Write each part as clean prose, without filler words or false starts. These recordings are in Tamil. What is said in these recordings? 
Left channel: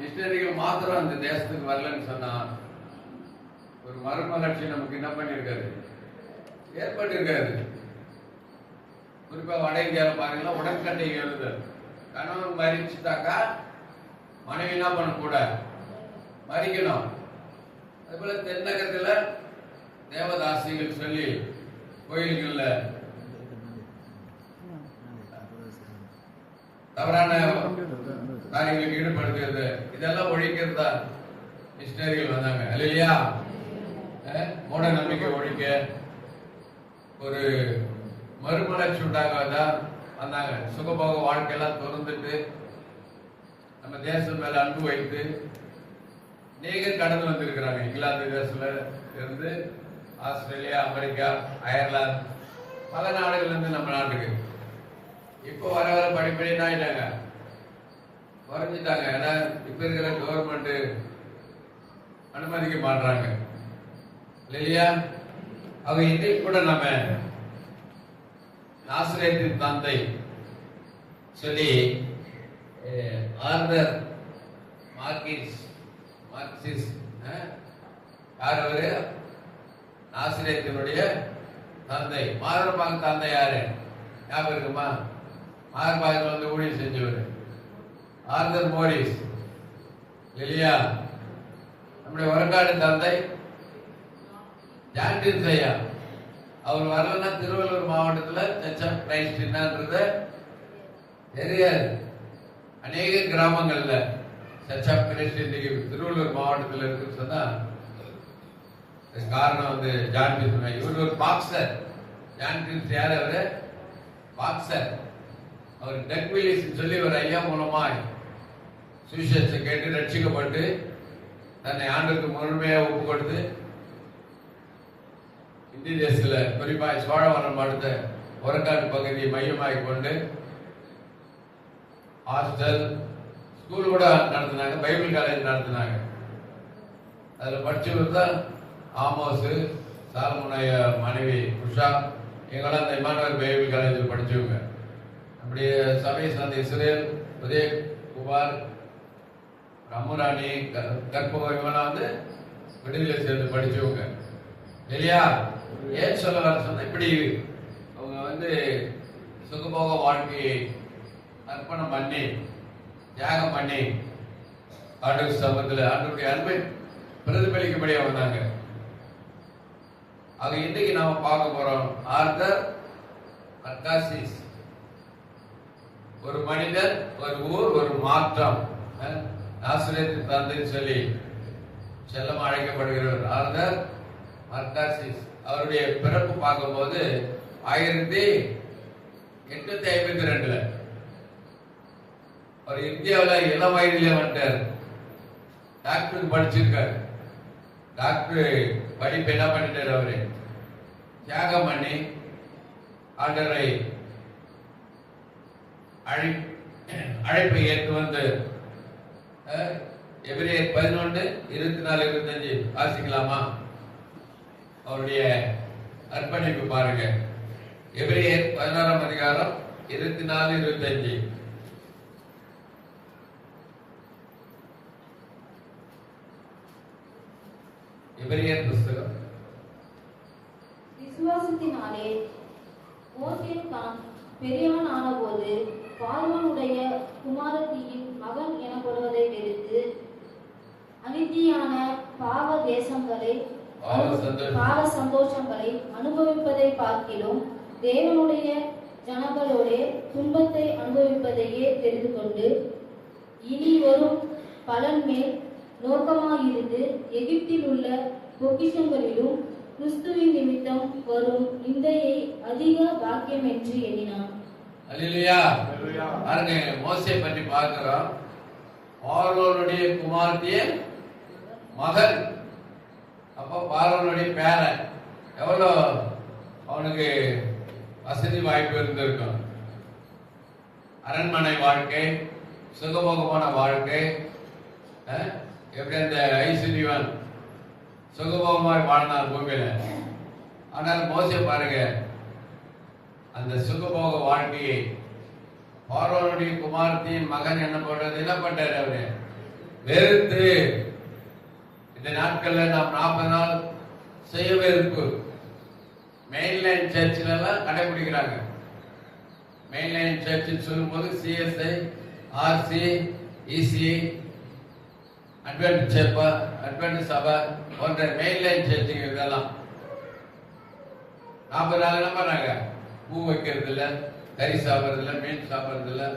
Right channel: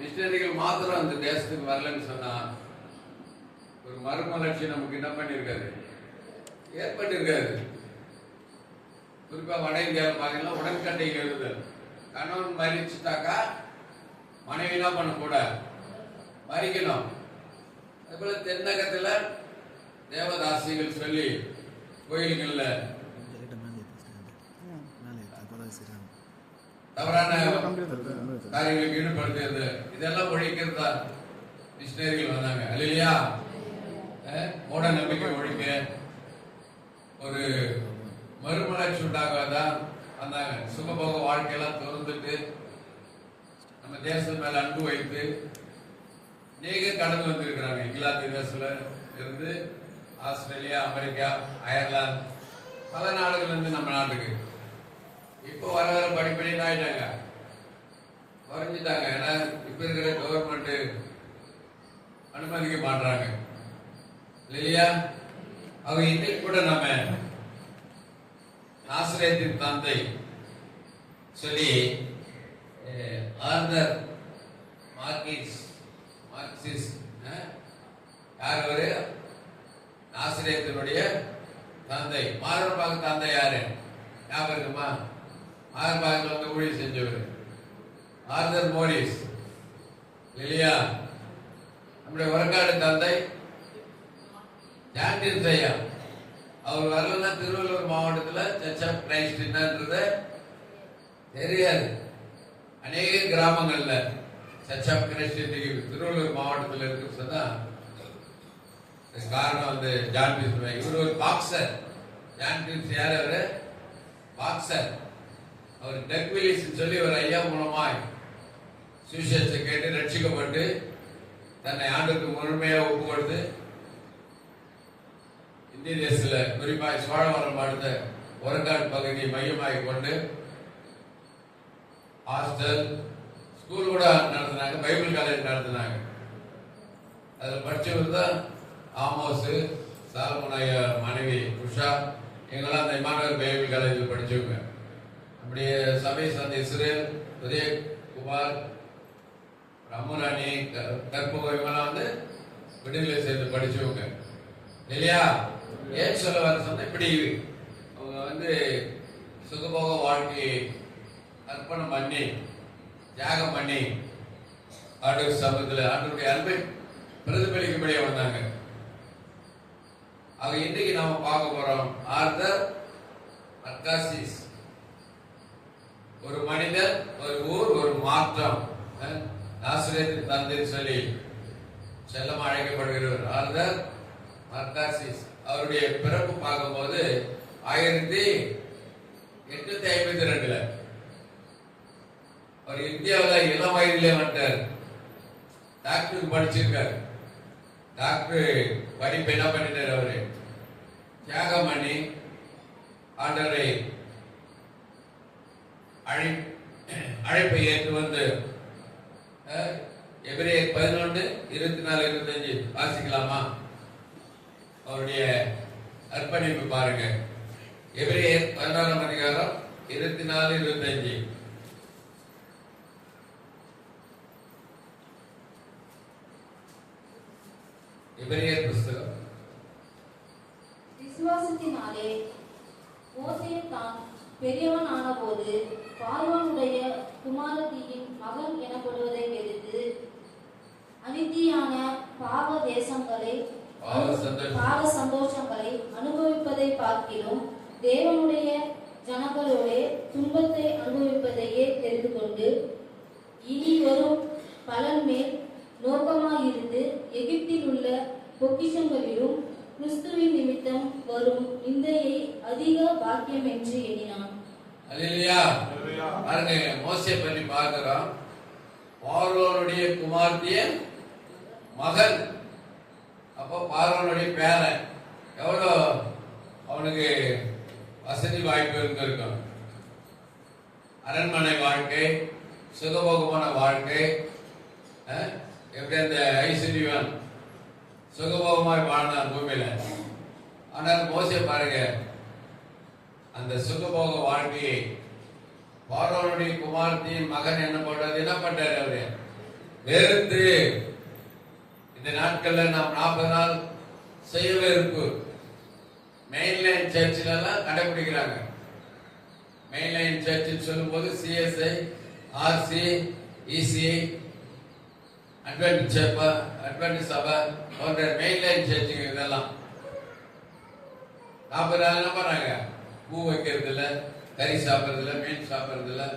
மிஷினரிகள் மாத்திரம் அந்த தேசத்துக்கு வரலன்னு சொன்னா ஒரு மறுமலர்ச்சி நமக்கு என்ன பண்ணிருக்காது, ஏற்பட்டிருக்காது. குறிப்பா வட இந்தியாவில் பாத்தீங்கன்னா உடன்கட்டை எழுதுதல். கணவன் மறிச்சுட்டாக்கா மனைவி என்ன பண்ணக்கூட மறிக்கணும். அதுபோல தென்னகத்துல தேவதாசிகள் சொல்லி கோயில்கள்ல தவறான காரியங்களுக்கு ஈடுபடுத்துறது, இதெல்லாம் ஒழிக்கிறதா மிஷினரிகள் வந்தாங்க இல்லையா? மூட நம்பிக்கை ஒழிக்க, ஒரு மறுமலர்ச்சி உண்டாகதான் வந்தாங்க. சுகபோக வாழ்க்கையெல்லாம் திறந்துட்டு நம்ம தேசம் மேல அன்பு வைத்து நீங்க கடந்து வந்திருக்கிறாங்க. இங்கிலாந்து தேசத்துல இருந்து ஆஸ்திரேலியா, அமெரிக்கா, அயர்லாந்து, பல நாடுகள்ல இருந்து நம்ம நாட்டுக்கு இப்போ வர வர படிப்படி ஆயிட்டாங்க, குறைஞ்சிட்டாங்க. ஏன்னா இப்ப இருக்கிற கவர்மெண்ட் அனுமதிக்க மாட்டாங்க இல்லையா? அவங்க இன்னைக்கு கூட நம்ம நாசரேத்தின் தந்தை சொல்லி ஆர்தர் மார்க்சிஸ் யார் அவரு? நாசரேத்தினுடைய தந்தை. மாரபாக தந்தை யாரு ஞாபகம் இருக்குமா? மாரபாகில் வந்து ஊழியர் செஞ்சவர் ஆர்தர் மோரிஸ் இல்லையா? நம்முடைய வரக்காடு தந்தை ஜான்டின் ஐயா. அவர் வரலன்னா திருவள்ளூர் மாவட்டத்தில் சர்ச் ஆஃப் கிரைஸ்ட் என்னன்றது தெரியாது. அநேக கிராமங்கள்ல சர்ச் ஆஃப் கிரைஸ்ட் இன்னைக்கு திருவள்ளூர் மாவட்டத்தில் இருக்குன்னு சொன்னா காரணம் வந்து ஜான்டின். இவர் ஒரு பாக்ஸர். ஜான்டின் யார்? அவரு பாக்ஸர். அவர் டக் வில்லிஸ் சொல்லி ஒரு ஐயா மூலமா சுவிசேஷத்தை கேட்டு ரட்சிக்கப்பட்டு தன்னை ஆண்டுக்கு முழுமையா ஒப்பு கொடுத்து இந்திய தேசத்தில் குறிப்பாக சோழவரம் அடுத்த ஒரக்காடு பகுதியை மையமாக கொண்டு ஹாஸ்டல், ஸ்கூல் கூட நடத்தினாங்க, பைபிள் காலேஜ் நடத்தினாங்க. அதில் படிச்சவங்க தான் ஆமோஸ், சாலமோன் மனைவி உஷா, இவங்கெல்லாம் அந்த இமானுவேல் பைபிள் காலேஜில் படிச்சவங்க. நம்முடைய சபை சார்ந்த இஸ்ரேல், உதயகுமார், ரமுராணி, கற்பகம், இவங்கெல்லாம் வந்து விடுதலை சேர்ந்து படிச்சவங்க இல்லையா? ஏன் சொல்ல வர சொன்ன, இப்படி அவங்க வந்து சுகபோக வாழ்க்கையை அர்ப்பணம் பண்ணி தியாகம் பண்ணி ஆண்டவர் சமூகத்தில் ஆண்டவருடைய அன்பை பிரதிபலிக்கும்படியா வந்தாங்க. அது இன்னைக்கு நாம பார்க்க போறோம். ஆர்தர் அர்காசிஸ், ஒரு மனிதர், ஒரு ஊர், ஒரு மாற்றம். நாசரேத்தின் தந்தை சொல்லி செல்லமா அழைக்கப்படுகிறவர் ஆர்தர் அர்காசிஸ். அவருடைய பிறப்பு பார்க்கும்போது 1852 அவர் இந்தியாவில் இளம் வயதிலே வந்துட்டார். டாக்டருக்கு படிச்சிருக்காரு. டாக்டர் படிப்பு என்ன பண்ணிட்டார்? அவரு தியாகம் பண்ணி ஆண்டவரை அழைப்பை ஏற்று வந்து எபிரேயர் 11:24-25 வாசிக்கலாமா? அவருடைய அர்ப்பணிப்பு பாருங்க. எபிரேயர் 11:24-25. எபிரேயர் புஸ்தகம். விசுவாசத்தினாலே மோசே தான் பெரியவன் ஆனபோது பார்வோனுடைய குமாரத்தியின் மகன் எனப்படுவதை வெறுத்து அநீதியான பாவ சந்தோஷங்களை அனுபவிப்பதை பார்க்கிலும் தேவனுடைய ஜனங்களோட துன்பத்தை அனுபவிப்பதையே தெரிந்து கொண்டு இனி வரும் பலன் மேல் நோக்கமாயிருந்து எகிப்தில் உள்ள பொக்கிஷங்களிலும் கிறிஸ்துவின் நிமித்தம் வரும் நிந்தையை அதிக பாக்கியம் என்று எண்ணினான். அல்லேலூயா. பாருங்க, மோசே பற்றி பார்க்கிறோம். பார்வோனுடைய குமாரத்திய மகன். அப்போ பார்வோனுடைய பேரன். எவ்வளோ அவனுக்கு வசதி வாய்ப்பு இருந்திருக்கும். அரண்மனை வாழ்க்கை, சுகபோகமான வாழ்க்கை. எப்படி அந்த ஐஸ்வர்யவன் சுகபோகமாக வாழ்ந்தார் பூமியில. ஆனால் மோசே பாருங்க, அந்த சுகபோக வாழ்க்கையை பார்வோனுடைய குமாரத்தின் மகன் என்ன பண்றாரு? அவரு வெறுத்து. இந்த நாட்கள்ல நாம் 40 நாள் செய்ய வெறுப்பு மெயின்லைன் சர்ச்சில் எல்லாம் கடைபிடிக்கிறாங்க. மெயின்லைன் சர்ச் சொல்லும்போது சிஎஸ்ஐ, ஆர்சி, இசி, அட்வென்ட் சபை போன்ற மெயின்லைன் சர்ச்சுங்க இதெல்லாம் 40 நாள் என்ன பண்ணாங்க? பூ வைக்கிறது இல்லை, கறி சாப்பிட்றது இல்லை, மீன் சாப்பிட்றது இல்லை,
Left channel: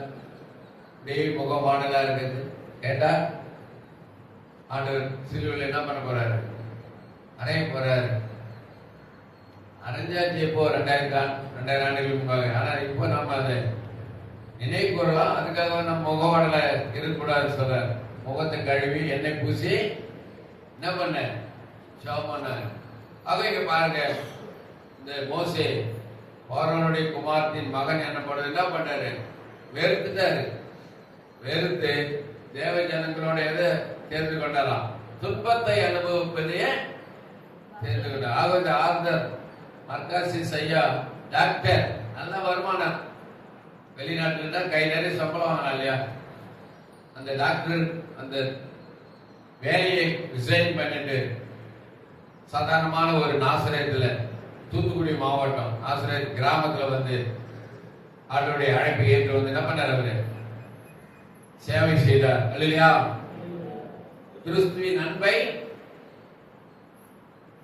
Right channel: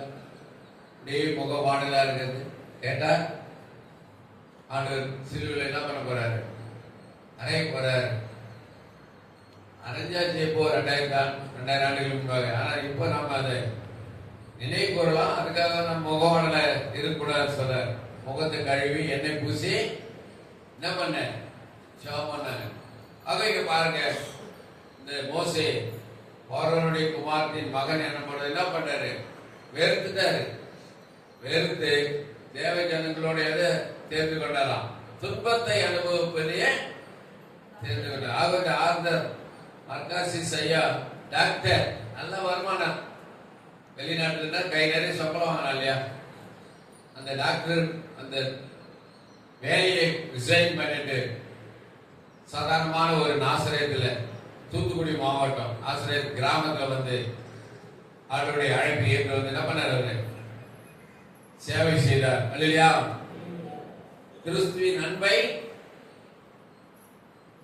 அப்படியே முகவாடலா இருக்கிறது. கேட்டா ஆண்டவர் சிலுவையில் என்ன பண்ண போறாரு? அறைய போறாரு. அரைஞ்சாச்சு எப்போ 2000 ஆண்டுகளுக்கு முன்னாடி. ஆனா இப்போ நம்ம அதை நினைவு கூறலாம். அதுக்காக நம்ம முகவாடல இருக்கக்கூடாது சொல்றாரு. முகத்தை கழுவி எண்ணெய் பூசி என்ன பண்ண ஜெபம் பண்ண. ஆக இங்க பாருங்க, இந்த மோசே பார்வோனுடைய குமாரத்தின் மகன் என்ன பண்ணாரு? வெறுத்துட்டாரு. வெறுத்து தேவ ஜனங்களோட எதை தேர்ந்து கொண்டாலாம்? துன்பத்தை அனுபவிப்பதையே தேர்ந்து கொண்டார். ஆக இந்த ஆர்தர் மர்காசிஸ் ஐயா டாக்டர், நல்ல வருமானம், வெளிநாட்டுல இருந்தா கை நிறைய சம்பளம் வாங்கலாம் இல்லையா? அந்த டாக்டர் அந்த வேலையை ரிசைன் பண்ணிட்டு சாதாரணமான ஒரு நாசரேத்துல, தூத்துக்குடி மாவட்டம் நாசரேத் கிராமத்துல வந்து அவருடைய அழைப்பு ஏற்று வந்து என்ன பண்ணார்? அவரு சேவை செய்தார். அல்லையா? கிறிஸ்துவின் அன்பை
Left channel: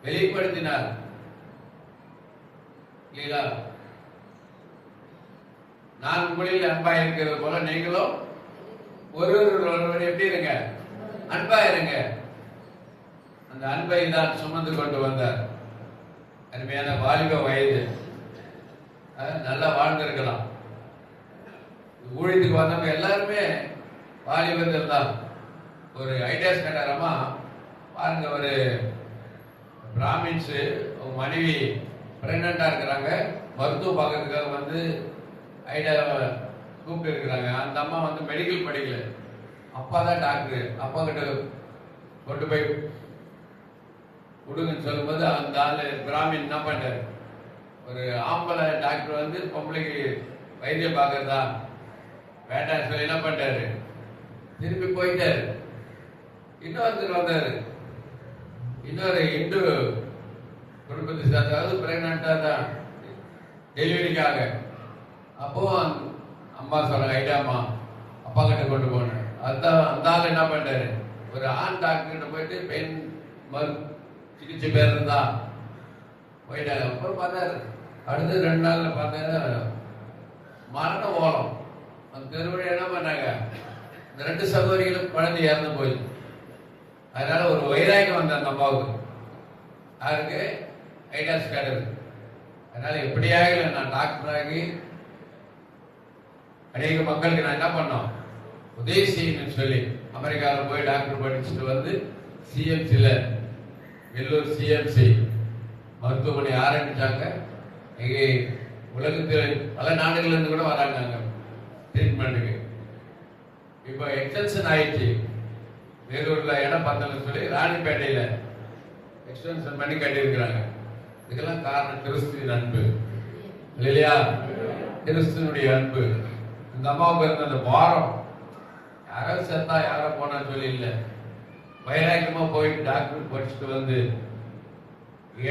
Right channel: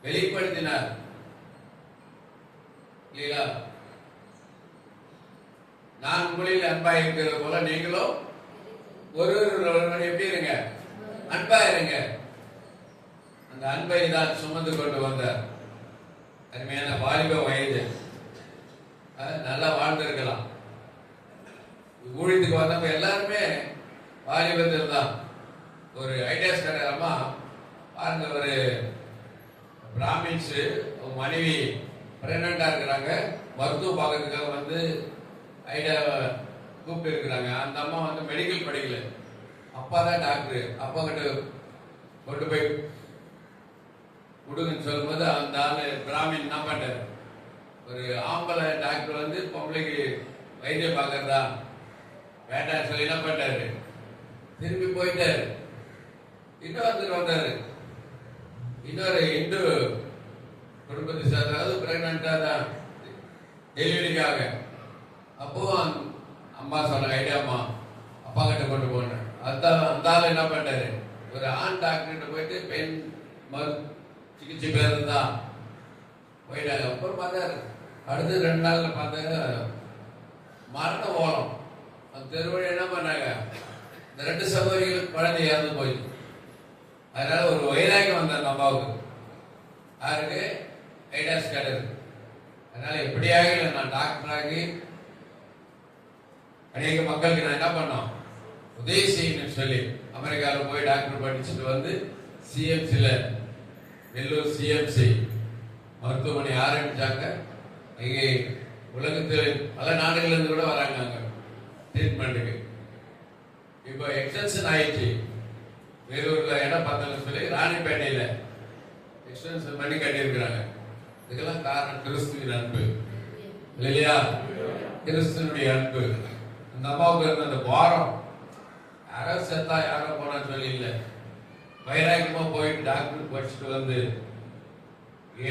வெளிப்படுத்தினார். இல்லையா? நான் உங்களில் அன்பா இருக்கிறது போல நீங்களும் ஒருவர் எப்படி இருங்க? அன்பா இருங்க. அந்த அன்பை தான் சுமந்து கொண்டு வந்தார். அருமையான வாலிப வயது, நல்லா வாழ்ந்திருக்கலாம். ஊழியத்துக்கு வந்தவங்க எல்லாருமே வாலிபத்தில் தான். ஒரு ஐடியாஸ் கட்டாரமா பாருங்க, ஒரு பிராமின்ஸ் மனைவி பிரெக்னண்டா இருக்கிறாங்க, மருத்துவ பார்க்கறதுக்காக வந்து ஐடியாவை கூப்பிட்டு இருக்கிறாங்க. அந்த அம்மா வந்து மெடிக்கல் படிக்கல, அப்பா தான் டாக்டர். அப்பா கிட்ட கொண்டு போய் கொடுங்கன்னு சொல்லும்போது அந்த ஆளு பிராமின் என்ன பண்ணாரு? ஒரு ஆம்பளை டாக்டர் வந்து பொம்பளைக்கு வைத்தியம் பார்க்கறதா வேண்டாம் சொல்லி என்ன பண்ணாரு? திரும்பி போயிட்டாரு. இன்னொருத்தர் வந்தாரு, இன்னொரு இந்து குடும்பத்தை சேர்ந்தாவது பிரெக்னண்டா தான் டெலிவரிக்காக. அப்போ அம்மா சொன்ன ஐடியாமா அப்பா கிட்ட கொண்டு போனேன். அதுதான் அந்த ஆள் என்ன பண்ணாரு? ஒரு ஆண் டாக்டர்கிட்ட போயிட்டு பெண் சிகிச்சை பேர் இருந்தா போயிட்டாங்க. அப்புறம் பார்த்தாரு, அடுத்து 2 நாள்ல பார்த்தாரு மரண ஓலம். அந்த தெருவழி என்ன பண்ணாங்க? இந்த 2 சகோதரிகளுக்கு குழந்தை இறந்து போயிடுச்சு. அதனால ஒரு வைராகி வந்த அந்த அம்மாவுக்கு யாருக்கு? ஐடாஸ் கேட்டது. அதனால எப்படியாக நான் டாக்டர் ஆகி அநேக மக்களுக்கு நான் என்ன பண்ணோம்? உதவி செய்யணும்னு சொல்லி அமெரிக்காவில் போய் டாக்டர் படிச்சுட்டு வந்து சிஎம்சில வெள்ளூர் சிஎம்சி மருத்துவமனை ஆரம்பிச்சாங்க. இங்கே உலகத்தில் பல நாடுகள்ல இருந்து கூட வராங்க அங்க ட்ரீட்மெண்ட்டுக்கு. இப்போ எக்ஸ்டென்ஷன் ஆயிடுச்சு. வேலூர்ல இடம் பார்த்தோம்னு சொல்லி ராணிப்பேட்டையில எக்ஸ்டென்ஷன் பண்ணி கட்டியிருக்கிறாங்க. இதுக்கெல்லாம் காரணம் கிறிஸ்துவின் அன்பு இல்லையா? கிறிஸ்துவனுடைய அன்பு. இந்த அம்மாவுக்கு இருந்த அந்த பாரம், யாரோ செத்தா யாரோ போனான்னு சொல்லி இல்லை, வைராக்கியமா போயிட்டு டாக்டர் படிச்சுட்டு வந்து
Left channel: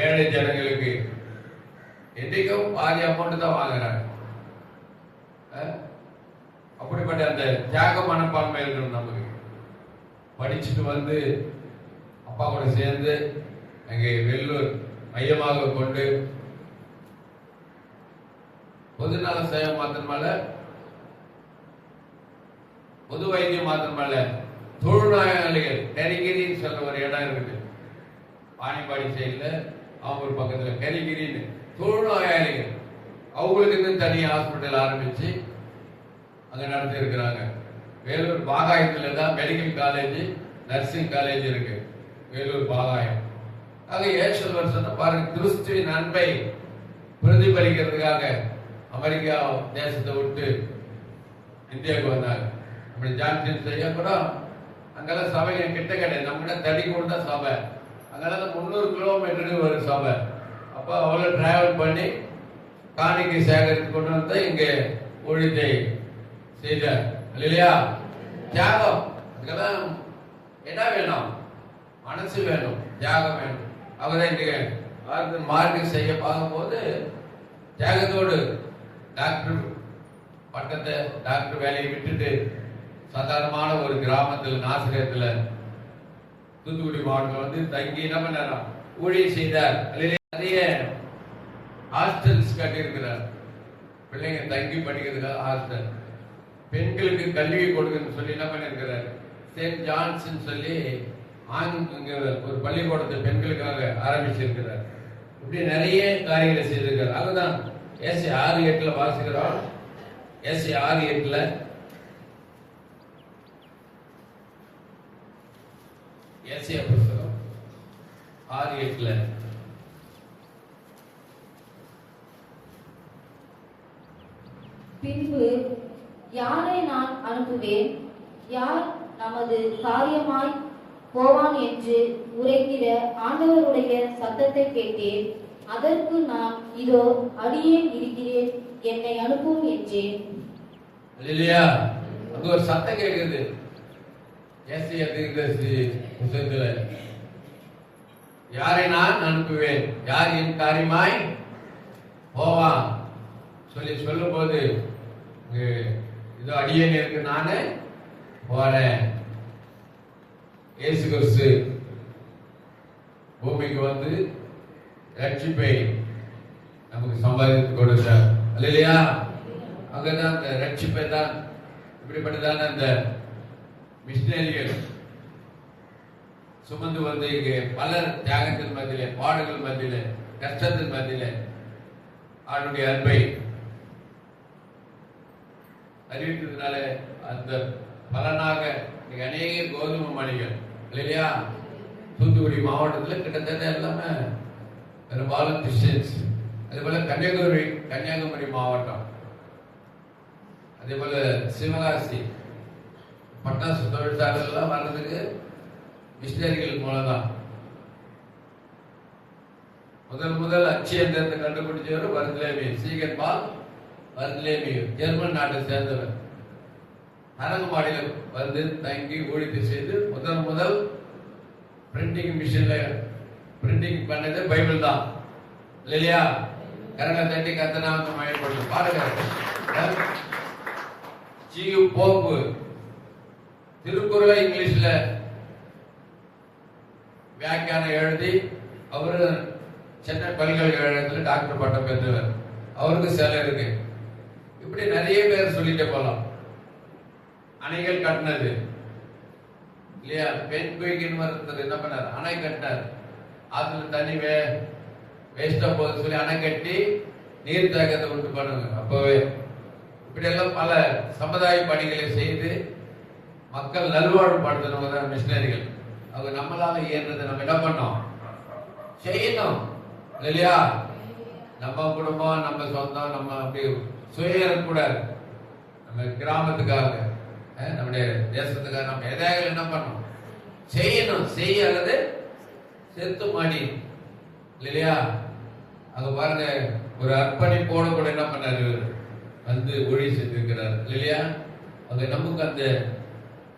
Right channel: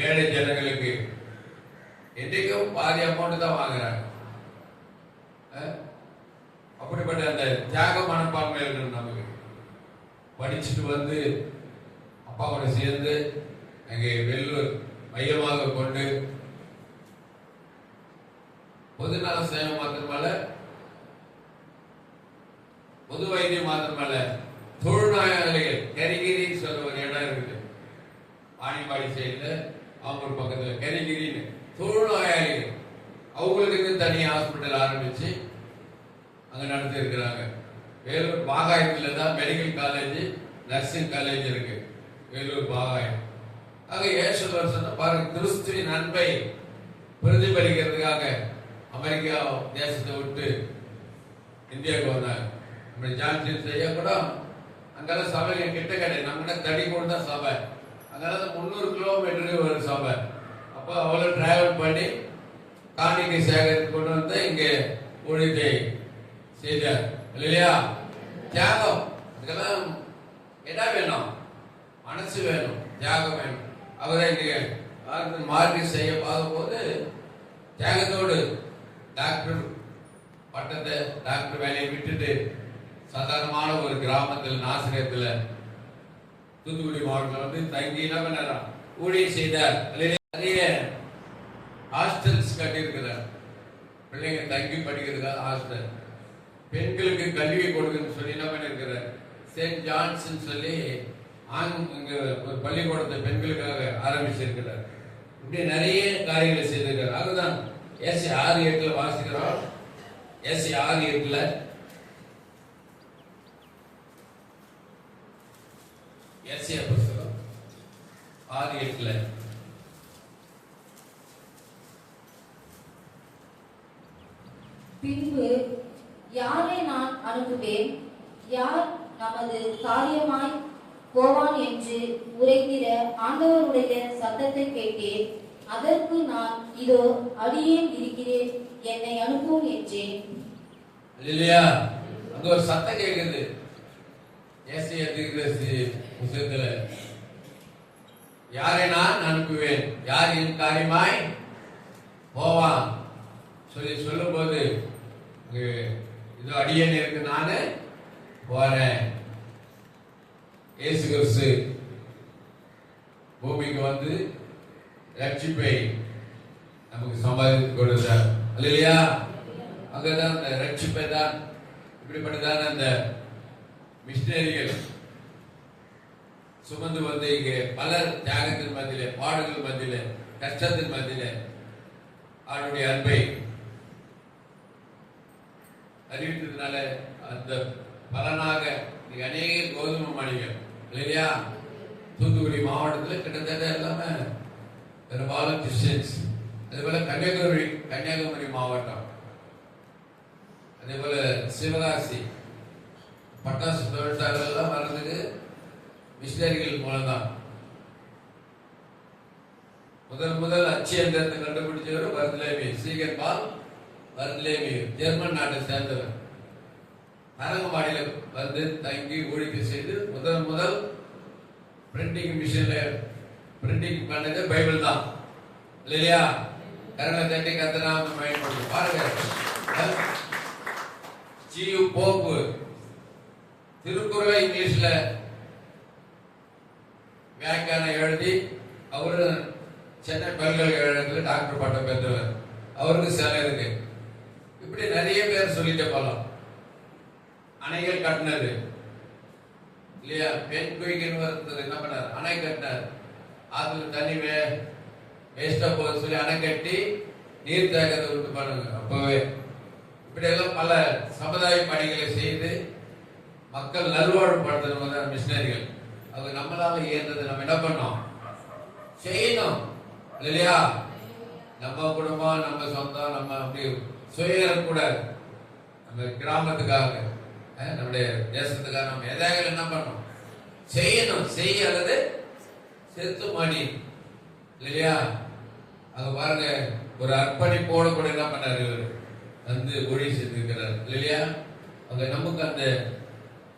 ஏழை ஜனங்களுக்கு என்னைக்கும் பாதி அமௌண்ட் தான் வாங்குறாங்க. அப்படிப்பட்ட அந்த தியாக மனப்பான்மை இருக்கணும் நமக்கு. படிச்சுட்டு வந்து அப்பாவோட சேர்ந்து அங்கே வெள்ளூர் மையமாக கொண்டு பொதுநல சேவை மாத்திரமல்ல, பொது வைத்தியம் மாத்திரமல்ல, தொழுநோயாளிகள் கரிகிரின்னு சொல்ற ஒரு இடம் இருக்குது பாணிப்பாடி சைட்ல, ஆம்பூர் பக்கத்துல கரிகிரின்னு தொழுநோயாளிகள் அவங்களுக்கு தனி ஹாஸ்பிட்டல் ஆரம்பிச்சு அங்க நடத்தி இருக்கிறாங்க. வேலூர் பாகாயத்துல தான் மெடிக்கல் காலேஜ், நர்சிங் காலேஜ் இருக்கு, வேலூர் பாகாயம். ஆக ஏசுவர் சொன்ன பாருங்க, கிறிஸ்துவின் அன்பை பிரதிபலிக்கிறதுக்காக அமெரிக்கா தேசத்தை விட்டு இந்தியாவுக்கு வந்தாங்க. அப்படி ஜான்சன் செய்ய கூட அங்கெல்லாம் சபை கிட்ட கிடையாது, நம்ம தடி கொடுத்தா சபை, அங்கெல்லாம் 300 கிலோமீட்டருக்கு ஒரு சபை. அப்போ அவ்வளோ டிராவல் பண்ணி காணிக்கை சேகரித்து கொண்டு வந்து இங்கே ஊழியத்தை செய்தார் இல்லையா? தியாகம். இதுக்கெல்லாம் என்ன வேணும்? மனசு வேணும், தியாகம் வேணும். அவர்தான் இன்றைக்கு மார்க்கெட் செய்ய பார்க்கும்போது தியாகத்தோடு டாக்டர் பட்டத்தை, டாக்டர் வேலையை விட்டுட்டு சாதாரணமான ஒரு கிராமத்தில் நாசிரியத்தில் தூத்துக்குடி மாவட்டத்தில் வந்து தங்கி என்ன பண்ணாரா ஊழியம் செய்தார். நிறைய ஹாஸ்டல்ஸ் கட்டியிருக்கிறார். பிள்ளைங்க தங்கி படிக்கிறதுக்காக ஹாஸ்டல், பெண்களுக்கு கல்வி கொடுக்குன்னு சொல்லி என்ன பண்ணியிருக்கிறார். செயின்ட் ஜான்ஸ் சொல்லி இங்க ஒரு பள்ளிக்கூடத்தை பெண்களுக்காக ஆரம்பிச்சிருக்கிறார். இப்படி நிறைய காரியங்களை செய்திருக்கிறார். அதுதான் ஏசி 6:8 வாசிக்கிறோம். ஏசி 6:8 ஏசியா புத்தகம் 6:8 பின்பு யாரை நான் அனுப்புவேன், யார் நமது காரியமாய் போவான் என்று உரைக்கிற ஆண்டவருடைய சத்தத்தை கேட்டேன். அதற்கு நான் இதோ அடியேன் இருக்கிறேன், என்னை அனுப்பும் என்றேன். அல்லேலூயா. அங்க ஒரு சத்தம் கேட்குது. ஏசாயா தீர்க்கதரிசி புத்தகத்துல யாரை நான் அனுப்புவேன், யார் என் காரியமாய் போவான் சொல்லி சொல்லும் போது இதோ அடியேன் இருக்கு, நானு போறேன். இயேசு கிறிஸ்து பூமிக்கு வந்து ரட்சிப்பை நமக்கு சம்பாதித்து கொடுத்தார். இல்லையா? அங்கதான் அந்த ரட்சிப்பை தான் இப்படிப்பட்டதான அந்த மிஷினரிகள் சுமந்து வந்து இங்கே பலர் தியாகத்தின் மத்தியிலே, பாடுகள் மத்தியிலே, கஷ்டத்தின் மத்தியிலே அவருடைய அன்பை அறிவித்ததுனால அந்த பலனாக இன்னைக்கு அநேக கோதுமை மணிகள் இல்லையா தூத்துக்குடி மாவட்டத்தில் கிட்டத்தட்ட எல்லாமே பெரும்பாலும் கிறிஸ்டியன்ஸ். அதே போல கன்னியாகுமரி மாவட்டம், அதே போல சிவகாசி பட்டாசு தொழிற்சாலைகள்லாம் வர்றதுக்கு மிஷினரிகள் மூலம்தான். முதல் அச்சு எந்திரத்தை கண்டுபிடிச்சவர் வர்த்லேமி, சீகன் பால் வர்த்லேமி, ஜெர்மன் நாட்டை சேர்ந்தவர். அரங்கமாடியில் வந்து தங்கி ஊழியத்தை செய்து முதல் பிரிண்டிங் மிஷின்ல பிரிண்டிங் பண்ணது பைபிள் தான். இல்லையா? கரங்களை தட்டி கத்தனாவது பயன்படுத்த பாருங்க. ஜியு போப்பு திருக்குறளை இங்கிலீஷ்ல வியாக்கியானம் எழுதி அவரு சென்னை பல்கலைக்கழகத்தில் டாக்டர் பட்டம் பெற்றவர். அவருக்கு சிலை இருக்கு. இப்படி நிறைய பேர் சொல்லிட்டே போலாம். அணைகள் கட்டினது இல்லையா? பெண் குயிக்கின்னு ஒருத்தர் என்ன பண்ணார், அணை கட்டினார். அதுல தண்ணி வேஸ்டா போகுது சொல்லி அணை கட்டி நீர் தேக்கத்தை விட்டு பண்ணுங்க. அப்பவே இப்படி எல்லாம் பல சமுதாய பணிகளை செய்து மக்கள் நல்வாழ்வுபடுத்தணும் தான் மிஷினரிகள். அவங்க நம்மளாம இயன்றதை நம்ம என்ன பண்ணோம், செய்யணும். இல்லையா? நம்ம குடும்பம், நம்ம சொந்தம், நம்ம அப்படி சுயக்கூடாது. நம்ம கிராமத்துக்காக, நம்முடைய தேசத்துக்காக நம்ம எதாவது என்ன பண்ணணும், செய்யணும். செய்ய அல்லது செத்து மாடி. இல்லையா? அங்க பாருங்க, ஒரு அர்ப்பணிப்போடு கூட என்ன பண்ணாரு, வந்து ஊழியம் செஞ்சிருக்கிறார். இல்லையா? அங்க நமக்கு அந்த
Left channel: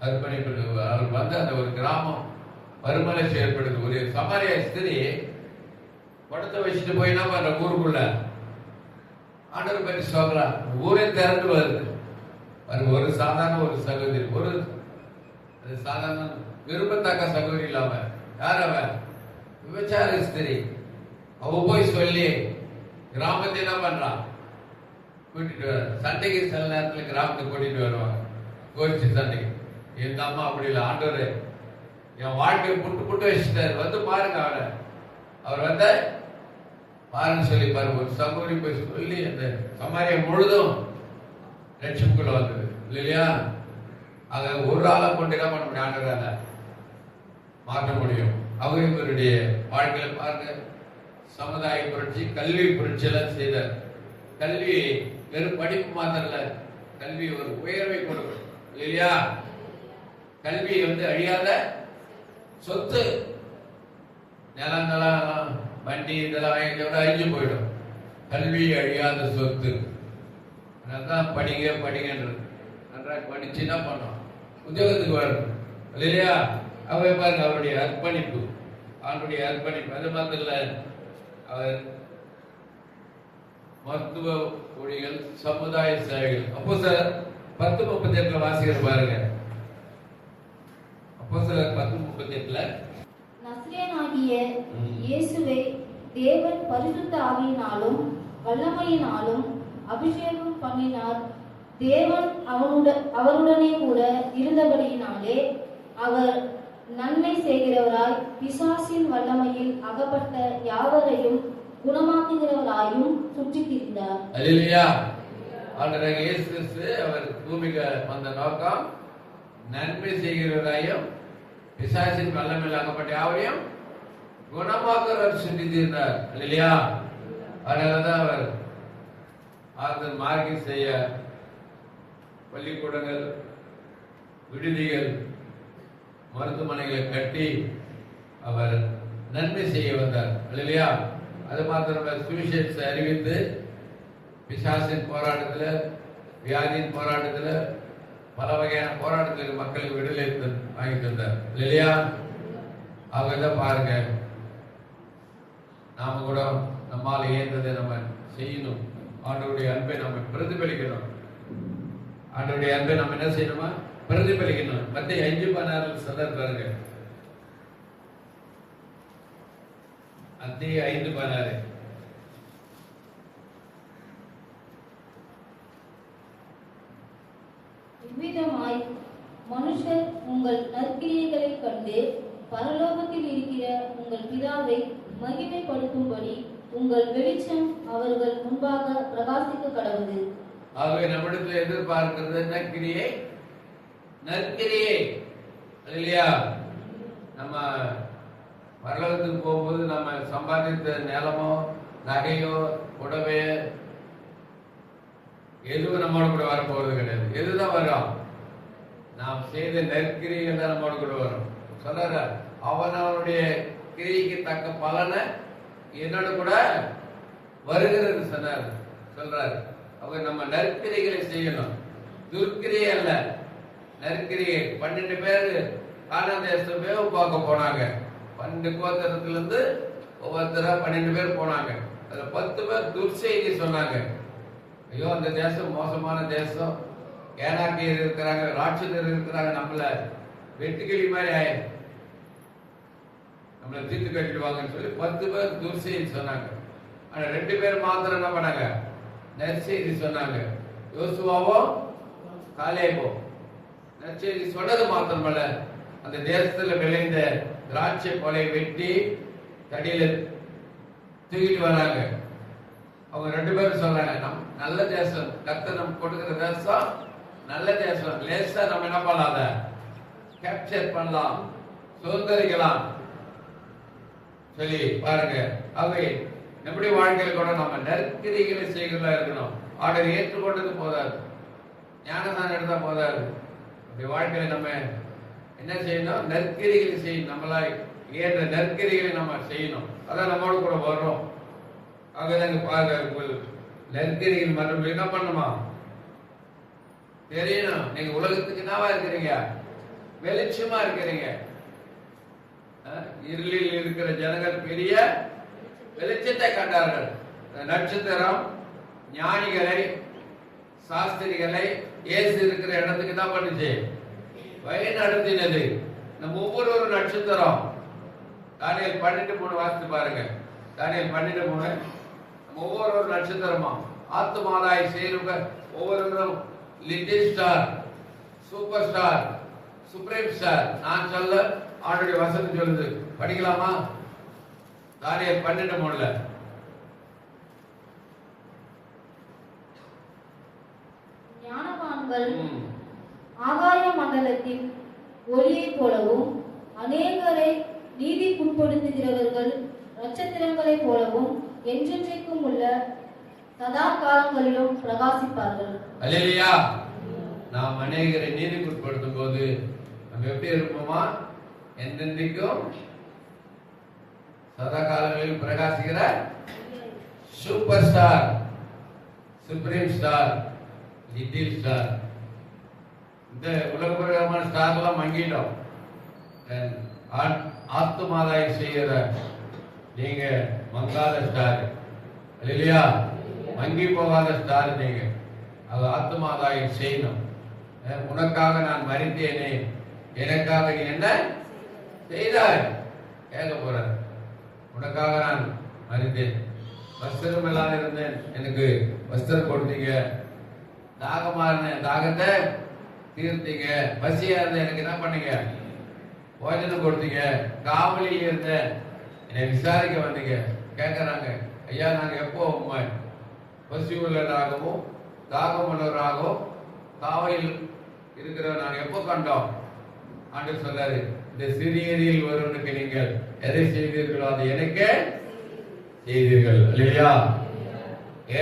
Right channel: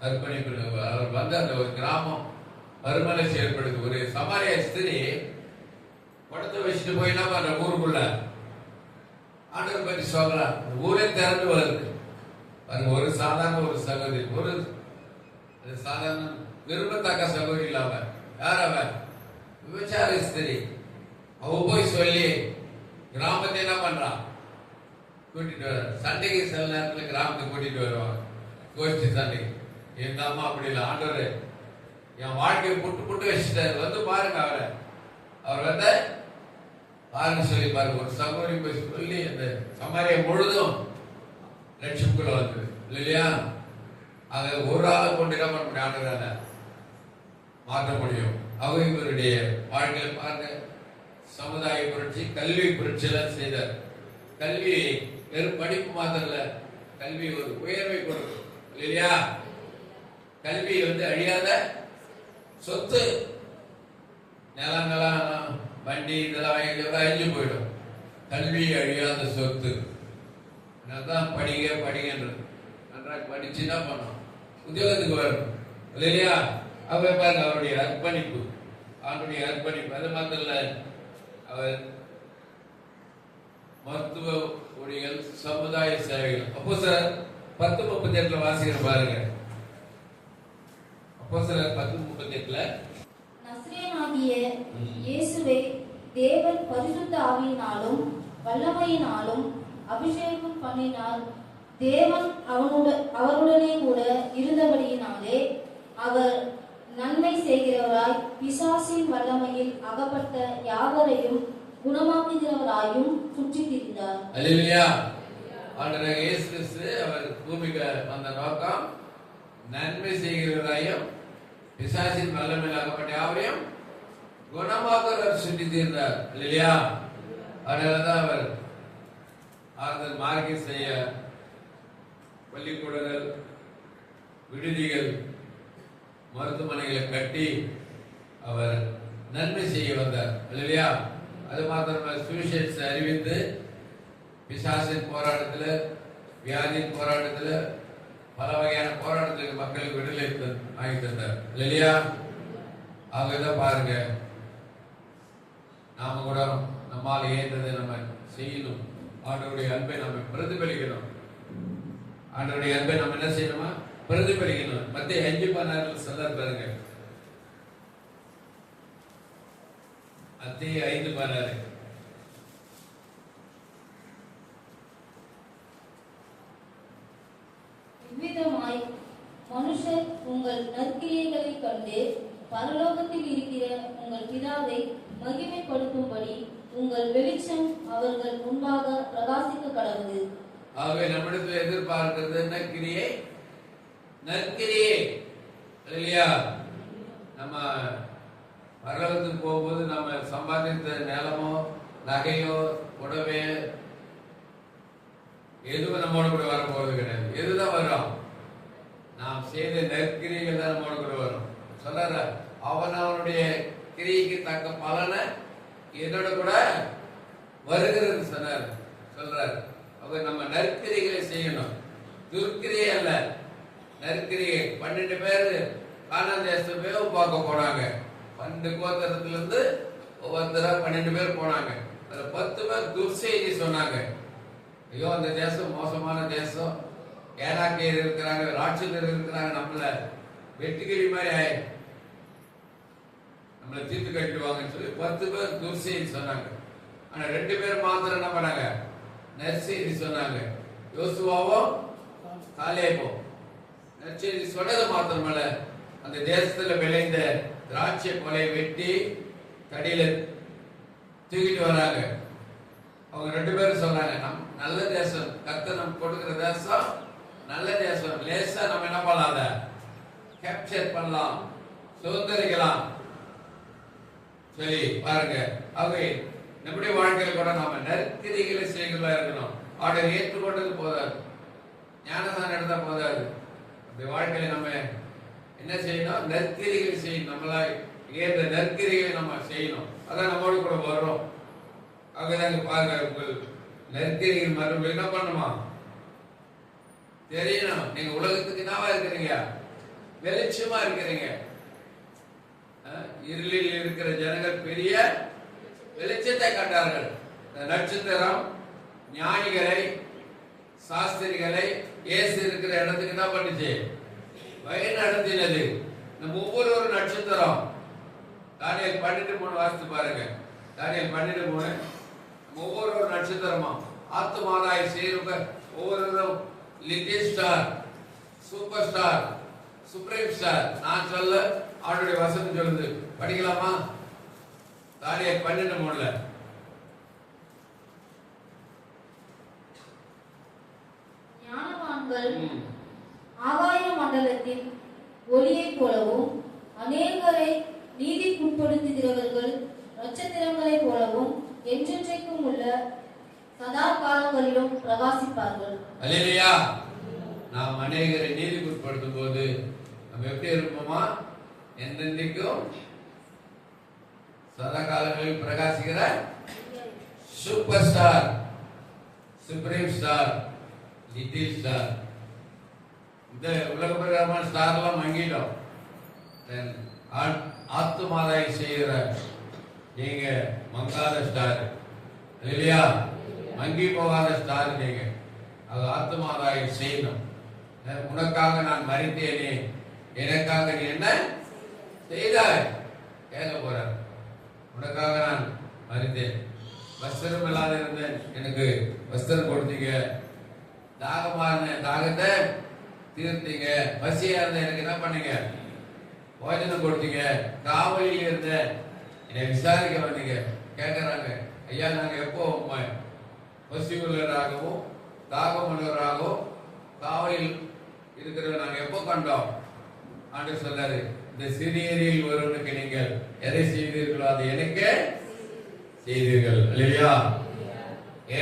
அர்ப்பணிப்பு. அவர் வந்து அந்த ஒரு கிராமம் மறுமலை செயல்படுது. ஒரு சமாரிய ஸ்திரீ படத்தை வச்சுட்டு போய் என்ன பண்ற, ஊருக்குள்ள ஆண்டவர் பற்றி சொல்றான். ஊரே திறந்து வருது. ஒரு சாதாரண ஒரு சகோதரி, ஒரு சாதாரண விரும்பத்தக்க சகோதரி இல்லாம, யார் அவ, விபச்சார ஸ்திரீ. அவ போய் சொல்லி கிராமத்தை என்ன பண்றான், கூட்டிட்டு வர. சண்டைக்கு சில நேரத்தில் கிராமத்தை கூட்டிட்டு வருவாங்க, கோஷ்டி சண்டைக்கு. எங்க அம்மா அப்படி இல்லை, ஆண்டவர் என் வாழ்க்கையை புட்டு வச்சுட்டாரு, வந்து பாருங்க அவரை. அவர் வந்து பாருங்க சொல்லி பாருங்க. ஒரு சகோதரி போய் சொல்லி அந்த சமாரியம் முழுதும் லட்சத்துக்குள்ள வந்தது. இல்லையா? அதை ஒரு ஆளை கொண்டு என்ன பண்ண முடியும், ஆண்டவரால மாற்ற முடியும். அவங்க இவருடைய வாழ்க்கையில் பாருங்க, சமுதாய புரட்சி, கல்வி புரட்சி எல்லாம் செய்தார். கல்வி வெறும் படிப்பு மாத்திரம் இல்ல, கல்வி ஒரு உயர்வை கொடுக்கும். இல்லையா? கல்வி வந்து அழியாத சொத்து. நிலங்களாம் வண்டி இதெல்லாம் அழிஞ்சு போயிடும். கல்வி அழியாத சொத்து. அதான் படிங்கன்றது. நன்றாக படிச்சு என்ன பண்ணோம், உத்தியோகத்துக்கு வரும். இல்லையா? அவர் பாருங்க அவருடைய அர்ப்பணிப்பு, அவருடைய அர்ப்பணிப்பு. அது மாத்திரம் இல்ல, அவர் மருத்துவ ஊழியர்கள், சமுதாய சேவைகள். அப்போஸ்தலர் 10:38 வாசிக்கிற பாருங்க. அப்போஸ்தலர் 10:38 நசரேயனாகிய இயேசுவை தேவன் பரிசுத்த ஆவியினாலும் வல்லமையினாலும் அபிஷேகம் பண்ணினார். தேவன் அவருடனே கூட இருந்தபடியினாலே அவர் நன்மை செய்கிறவராய் பிசாசின் வல்லமையில் அகப்பட்ட யாவரையும் குணமாக்குகிறவராயும் சுற்றித் திரிந்தார். அல்லேலூயா. ஆண்டவராகிய இயேசு கிறிஸ்து அவர் பூமிக்கு வந்த நோக்கம் நன்மை செய்கிறவராயும் பிசாசின் வல்லமையில் அகப்பட்ட யாவரையும் குணமாக்குகிறவர் சுற்றித் திரிந்தார். அல்லேலூயா. அதனாலதான் அவர் ஆறுதல் மார்க்கி செய்ய பள்ளிக்கூடங்கள், விடுதிகள், மருத்துவமனைகளை கட்டி அவர் நன்மை செய்ய வந்தார். அல்லையா? அது மாத்திரமல்ல, சுவிசேஷத்தை அறிவித்து பிசாசின் போராட்டத்தில், வியாதியின் போராட்டத்தில், பல வகையான போராட்டத்துக்கு மக்கள் விடுதலை வாங்கி தந்தார். இல்லையா? அவங்க இதை பாருங்க, நாம கூட நம்மால் இயன்றதை நம்ம செய்யணும். ஆண்டவருடைய அன்பை நம்ம பிரதிபலிக்கணும். ஆண்டவருடைய அன்பை நம்ம என்ன செய்யணுமா? பிரதிபலிக்கணும். மத்திய 5:16 சொல்றார் பாருங்க. மத்திய 5:16 இவ்விதமாய் மனுஷர் உங்கள் நற்கிரியைகளை கண்டு பரலோகத்தில் இருக்கிற உங்கள் பிதாவை மகிமைப்படுத்தும்படி உங்கள் வெளிச்சம் அவர்கள் முன்பாக பிரகாசிக்க கடவுது. ஆகவே நம்மிடத்தில் எதிர்பார்க்கிறது நற்கிரியை, நற்கிரியை. இல்லையா? நம்ம பரலோகத்துக்கு போகும்போது நம்ம சம்பாதித்த நிலமோ, நகையோ, புடவை எதுவும் நம்மளோட கூட வரப்போவது கிடையாது. எதுதான் வரும்? நாம் செய்த நற்கிரிகள் தான் நம்மளோட கூட வரும். சொல்ற அவனுடைய கிரியைக்கு தக்க பலனை என்னோட கூட வருகிறது சொன்னார். சொல்றாரு, அப்ப நம்ம நற்கிரிகளை செய்யணும், துர்க்கிரியை அல்ல. நற்கிரியை 12 பேர் கானான் தேசத்தை வேவு பார்க்க போனாங்க. 12 கோத்திரத்துல இருந்து ஒவ்வொருத்தர 12 பேர் போனாங்க. அதுல 10 பேர் துர்செய்தி சொன்னாங்க. ஐயோ, அந்த தேசம் மோசமான தேசம், ஏனாக்கியர் இருக்கிறாங்க, ராட்சதர் இருக்கிறாங்க, நம்மள வெட்டுக்கிளி மாதிரி நம்மளை தீர்த்து கட்டிடுவாங்கன்னு சொல்லி 10 பேர் துர்செய்தி சொன்னாங்க. ஆனா 2 பேர் மாத்திரம் என்ன பண்ணாங்க? நற்செய்தி சொன்னாங்க. யோசுவாவும் காலேபும் நற்செய்தி சொன்னது மாத்திரமல்ல, அந்த தேசத்துல விளைந்த திராட்சை கொலை வெட்டி தடியில தூக்கிட்டு வராங்க. அவங்க 2 பேரும் சொன்னாங்க, நம் நல்ல தேசம், கர்த்தர் நம்ம கொடுக்கிற தேசம் நல்ல தேசம், லேசா நம்ம என்ன பண்ணலாம், அதை கேப்சர் பண்ணலாம், சுதந்திரிக்கலாம் சொல்லி பாருங்க. ஆகவே நம்முடைய வாழ்க்கையில் கூட நம்ம நற்கிரிகளை செய்கிறதா இருக்கணும். ஆர்டர் ஏற்றுக்கொண்டது போதாது, ஞானசானம் எடுத்தா போதாது. அப்படி வாழ்க்கையில நம்ம என்ன செய்யணும்? நற்கிரிகளை செய்யணும். நம்மளா ஏற்ற நற்கிரிகளை நம்ம செய்யணும். அதான் நம்மளோட கூட வர்றோம். ஆகவே பாருங்க, உங்கள் நற்கிரிகள் மற்றும் என்ன பண்ணுமா தெரியணும். நீங்க உலகத்துக்கு என்னவா இருக்கிறீங்க? வெளிச்சமா இருக்கிறீங்க. இருளில் இருக்கிற ஜனங்கள் பெரிய வெளிச்சத்தை கண்டார்கள். நட்சத்திரம் ஞானிகளை, சாஸ்திரிகளை இயேசு இருக்கிற இடத்துக்கு என்ன பண்ணுச்சு? வழி நடத்தினது. நம்ம ஒவ்வொரு நட்சத்திரம். தானியேல் 12:3 வாசித்து பாருங்க. தானியேல் 12:3 நம்ம ஒவ்வொரு நட்சத்திரமா ஆத்துமாராய் சேருங்க. ஒவ்வொருவரும் little star, super star, supreme star. நான் சொல்ல ஆண்டுடைய வசனம் சொல்லுது. படிக்கலாமா? தானியேல் 12:3 ஞானவான்கள் ஆகாய மண்டலத்தின் ஒளியைப் போலவும், அநேகரை நீதிக்குட்படுத்துகிறவர்கள் நட்சத்திரங்களைப் போலவும் என்றென்றைக்கும் உள்ள சதா காலங்களிலும் பிரகாசிப்பார்கள். அல்லேலூயா. நாம் அநேகரை நீதிக்குட்படுத்தும் போது நம்ம எப்படி இருப்போமா? என்றென்றைக்கும் சதா காலங்களில் பிரகாசிக்கிற super star, supreme star, little star. இந்த உலக பிரகாரமான ஸ்டார் எல்லாம் மங்கிட்டோம். ஆத்துமாதாய் செய்கிற நீங்க மங்காத ஸ்டார் இல்லையா, மங்கி போகாத ஸ்டார் நீங்க. அது ஆத்துமாதாய் செய்யணும். உனக்காக நான் மரித்தேனே, எனக்காக நீ என்ன செய்தாய் கேட்க போற. உனக்காக நான் மரித்தேன், வஸ்திரம் இல்லாத இருந்தேன், எனக்கு வஸ்திரம் கொடுத்தீங்க. தாகமா இருந்தேன், தாகத்தை தீர்த்தீங்க. பசியா இருந்தேன், எனக்கு என்ன பண்ணீங்க, போஜனம் கொடுத்தீங்க. காவலில் இருந்தேன், என்னை விசாரிக்க வந்தீங்க. கேட்கறாங்க, ஐயா நாங்க எப்போ உண்மை பசி உள்ளவராகவும் தாகம் உள்ளவராகவும் காவலில் இருக்கிறவர் நாங்க எப்போ கண்டோம்? ஆண்டு சொன்னாரு, இந்த சிறியரில் ஒருவனுக்கு நீங்கள் எதை செய்தீர்களோ அதை எனக்கே செய்தீர்கள் இல்லையா.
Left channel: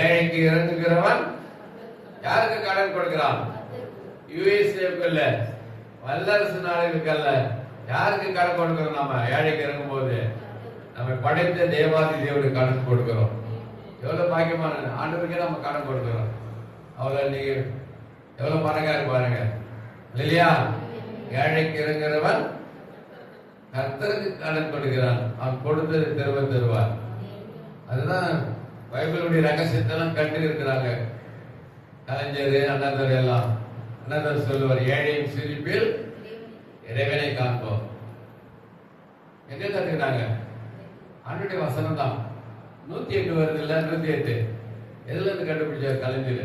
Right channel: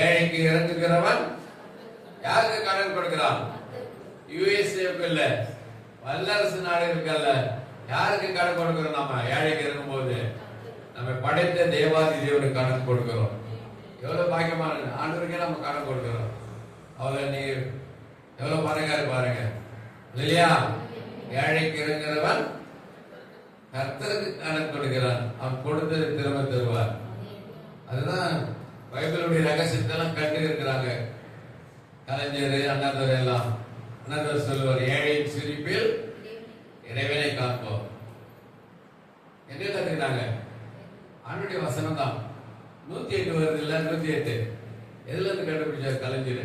ஏழைக்கு இறங்குகிறவன் யாருக்கு கடன் கொடுக்கிறான்? யுஎஸ்ஏக்கு இல்ல, வல்லரசு நாடுகளுக்கல்ல. யாருக்கு கடன் கொடுக்கிறோம்? நாம ஏழைக்கு இறங்கும் போது நம்ம படைத்த தேவாதி தேவனுக்கு கடன் கொடுக்கிறோம். எவ்வளவு பாக்கியமான ஆண்டவருக்கே நம்ம கடன் கொடுக்கிறோம். அவளை நீ எவ்வளவு பணக்காரு பாருங்க இல்லையா. ஏழைக்கு இறங்குகிறவன் கர்த்தருக்கு கடன் கொடுக்கிறான், அவன் கொடுத்தது திரும்ப தருவார். அதுதான் பைபிளுடைய ரகசியத்தெல்லாம் கண்டு இருக்கிறாங்க கலைஞர் அண்ணாதவர் எல்லாம். அண்ணாதவர் சொல்லுவார், ஏழையின் சிரிப்பில் இறைவனை காண்போம். எங்க கத்துக்கிறாங்க? ஆண்டுடைய வசனம் தான். 108 வருது இல்ல, 108 எதுல இருந்து கண்டுபிடிச்சார் கலைஞர்?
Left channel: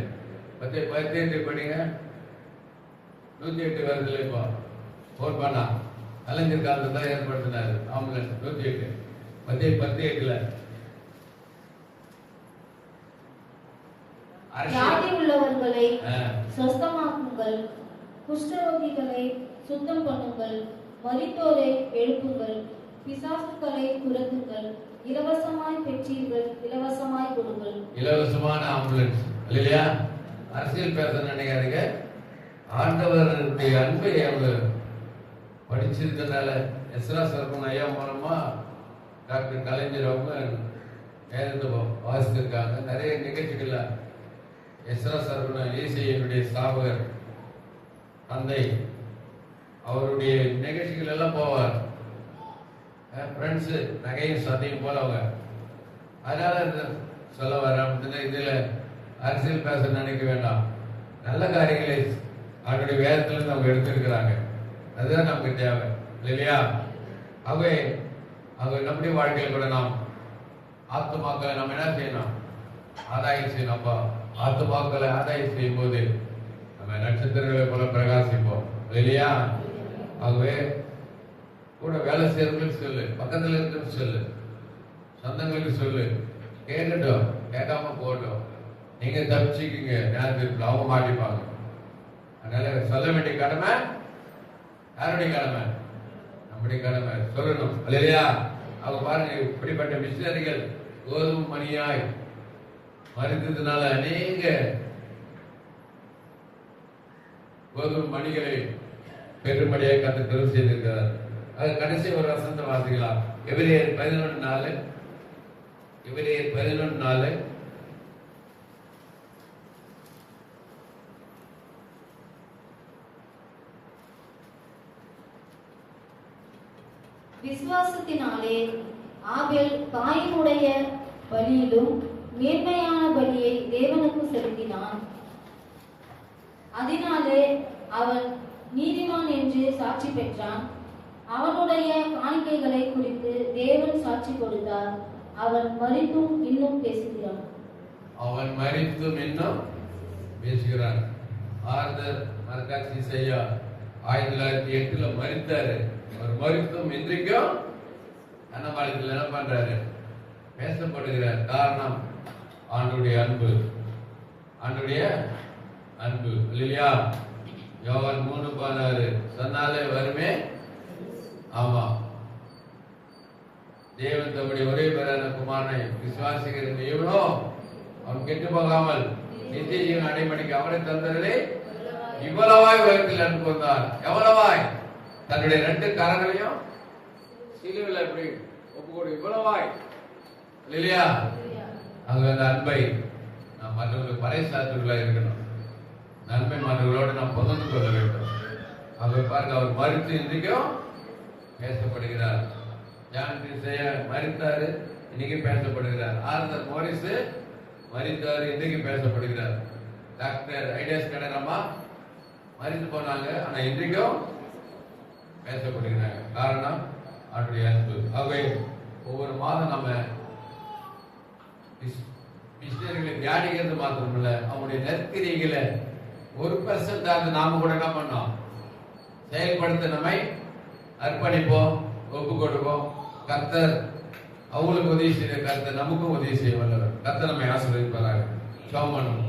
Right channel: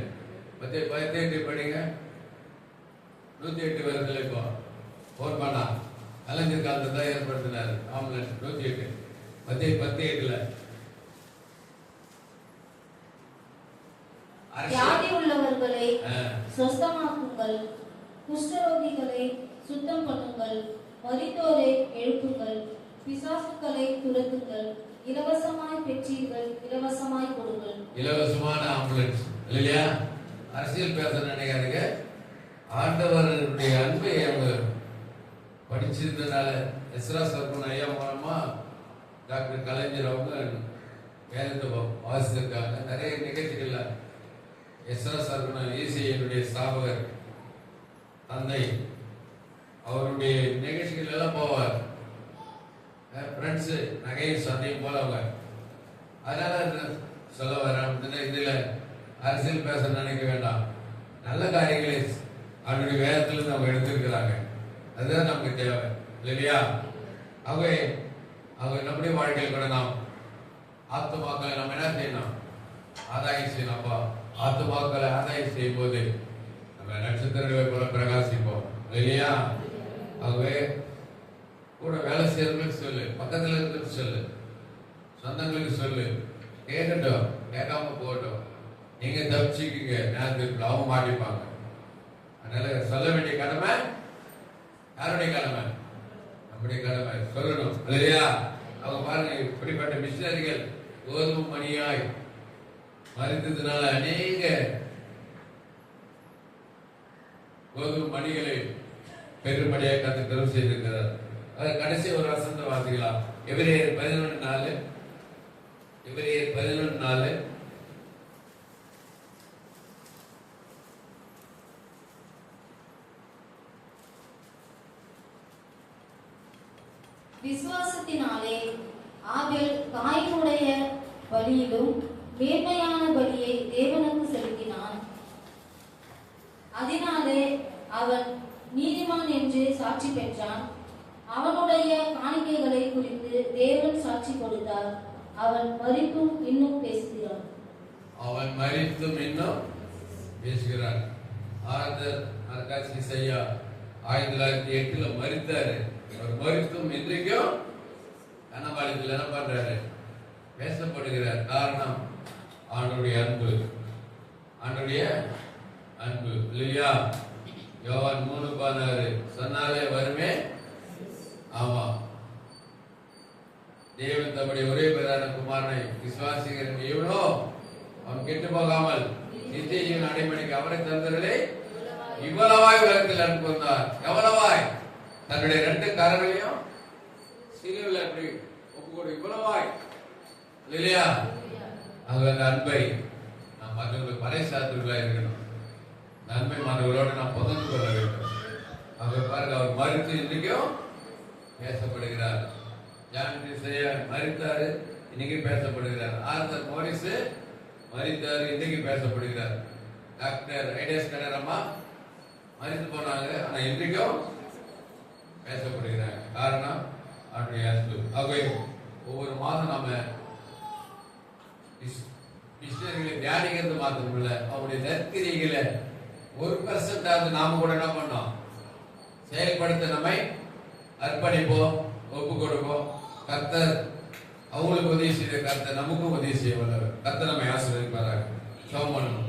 18 படிங்க, 108 வருது இல்லை. இப்போ போன் பண்ணா கலைஞர் காலத்தை தான் ஏற்படுத்தினார் ஆம்புலன்ஸ் 108. 18 வியாதி உள்ளவர்களை சொஸ்தமாக்குங்கள், குஷ்டரோகிகளை சுத்தம் பண்ணுங்கள், மரித்தோரை எழுப்புங்கள், பிசாசுக்களை துரத்துங்கள், இலவசமாய் பெற்றீர்கள், இலவசமாய் கொடுங்கள். இலவசமான ஆம்புலன்ஸ் இல்லையா? அரசியல் பேச நினைக்காதீங்க. ஆண்டவருடைய அன்பை அவங்க படிச்சிருந்தனால எஸ்ரா சர்பன் ஐயா மூலமா டாக்டர் கலைஞர் அவங்க வேதத்தை வாசித்திருக்காங்க. நிறைய நிகழ்ச்சிகள் எஸ்ரா சர்பன் ஏசியனுடைய ஸ்தாபகர் தந்தை, அவருடைய நிகழ்ச்சிகள் எல்லாம் போவார். ஃப்ரெண்ட்ஸு நகையும் சந்தையும் போல அவங்க. அதனால சொல்ல வர இதுல அரசியல் பேச நினைக்க வேண்டாம். நல்ல காரியங்களை அவருடைய வேதத்திலிருந்து அவங்க எடுத்திருக்கிறாங்க. அதுதான் நமக்கு தேவை இல்லையா. அவங்க நம்முடைய வாழ்க்கையில் கூட நாம் ஆத்துமாக்களை நம்ம என்ன செய்யணும்? ஆதாயம் செய்யணும். அப்பா ஆத்துமாக்களை ஆதாயம் செய்யும் போது நம்ம நட்சத்திரங்களை போல பிரகாசிப்போம் இல்லையா. ஆகவே கூட வேலை செய்யறவங்களுக்கு சொல்லு, பக்கத்தில் இருக்கிறது சொல்லு, சொந்தங்களுக்கு சொல்லு. கேட்கட்டும், கேட்காம போகட்டும். நீங்க தப்பிச்சுக்கீங்க, நேரத்துக்கு அவங்க மாட்டிப்பாங்க. அதனால சொல்ல வேண்டிய கடமை யாருடைய கடமை? நம்முடைய கடமை சொல்லணும் இல்லையா. அவங்க பாருங்க, இப்படிப்பட்ட மிஷனரிகள் கோதுமை மணியாய் மறித்ததுனால அநேக கோதுமை மணிகளை பெருமடியாக கத்து செய்திருக்கிறார். அது கடைசி ஒரு வசந்த வாசிக்கலாம். எபிரேயர் 11:4. எபிரேயர் 11:4. விசுவாசத்தினாலே ஆபேல் காயினுடைய பலியிலும் மேன்மையான பலியை தேவனுக்கு செலுத்தினான். அதனாலே அவன் நீதிமான் என்று சாட்சி பெற்றான். அவனுடைய காணிக்கைகளை குறித்து தேவன் சாட்சி கொடுத்தார். அவன் மரித்தும் இன்னும் பேசுகிறான். அவன் மரித்தும் இன்னும் பேசுகிறான். ஆர்தர் மர்காசி செய்யா 1908 மரித்தாரு. அவர் மரித்தும் இன்றைக்கும் கனவாளிகள் என்ன பண்றாரு? பேசப்படுகிறார். காரணம் ஆண்டுடைய அன்பு, ஆண்டுடைய அன்பு இல்லையா. யோவான் 3:16 சொன்னாலே வருமே. ஆமா, தேவன் தம்முடைய ஒரே பேரான குமாரனை விசுவாசிக்கிற எவ்வளோ அவன் கெட்டு போகாமல் நித்திய ஜீவன் அடைமணிக்கு அவரை தந்தவர்களே இவ்வளவாய் உலகத்தில் அன்பு வந்தார். எவ்வளவாய்? தன்னுடைய 2 கரங்களையும் சிலுவையில் எப்படி ஒப்புக்கொடு, இவ்வளவாய் இல்லையா. அது அந்த அன்பை நாம் மற்றவர்களுக்கு பறைசாற்றுவர்களாக இருக்கணும். நன்மை மற்றவர்களோடு நாம் பகிர்ந்து கொள்ள வேண்டும். அவர் பாருங்க, அவர் மறித்து இன்றைக்கும் பேசப்படுகிறார். ஜான் கிறிஸ்டியன் மரித்தாரு, இன்னைக்கு பேசப்படுகிறார். ஆர்தர் மோரிஸ் மரித்தாரு, இன்னைக்கு பேசப்படுகிறார். டாக்டர் ஐடியாஸ் கடரம்மா மரித்து போனாங்க, ஆனா இன்றைக்கும் பேசப்படுகிறாங்க. காரணம் அவருடைய அன்பு. ஆகவே ஒவ்வொரு மாதம் நம்ம மிஷினரிகளை தியானிக்கிறது மாத்திரமில்ல, அவங்களுடைய நற்கிரிகளை 1% நாம கூட என்ன பண்ணோம், செயல்படுத்த நம்மை அர்ப்பணிப்போம், ஒப்பு கொடுப்போம். கர்த்தர் அவங்களுக்கு உதவி செய்த கர்த்தர் நமக்கும் உதவி செய்ய வல்லவர். கர்த்தர் நம்மை ஆசீர்வதிப்பாராக. ஜெபம் பண்ணுவோம்.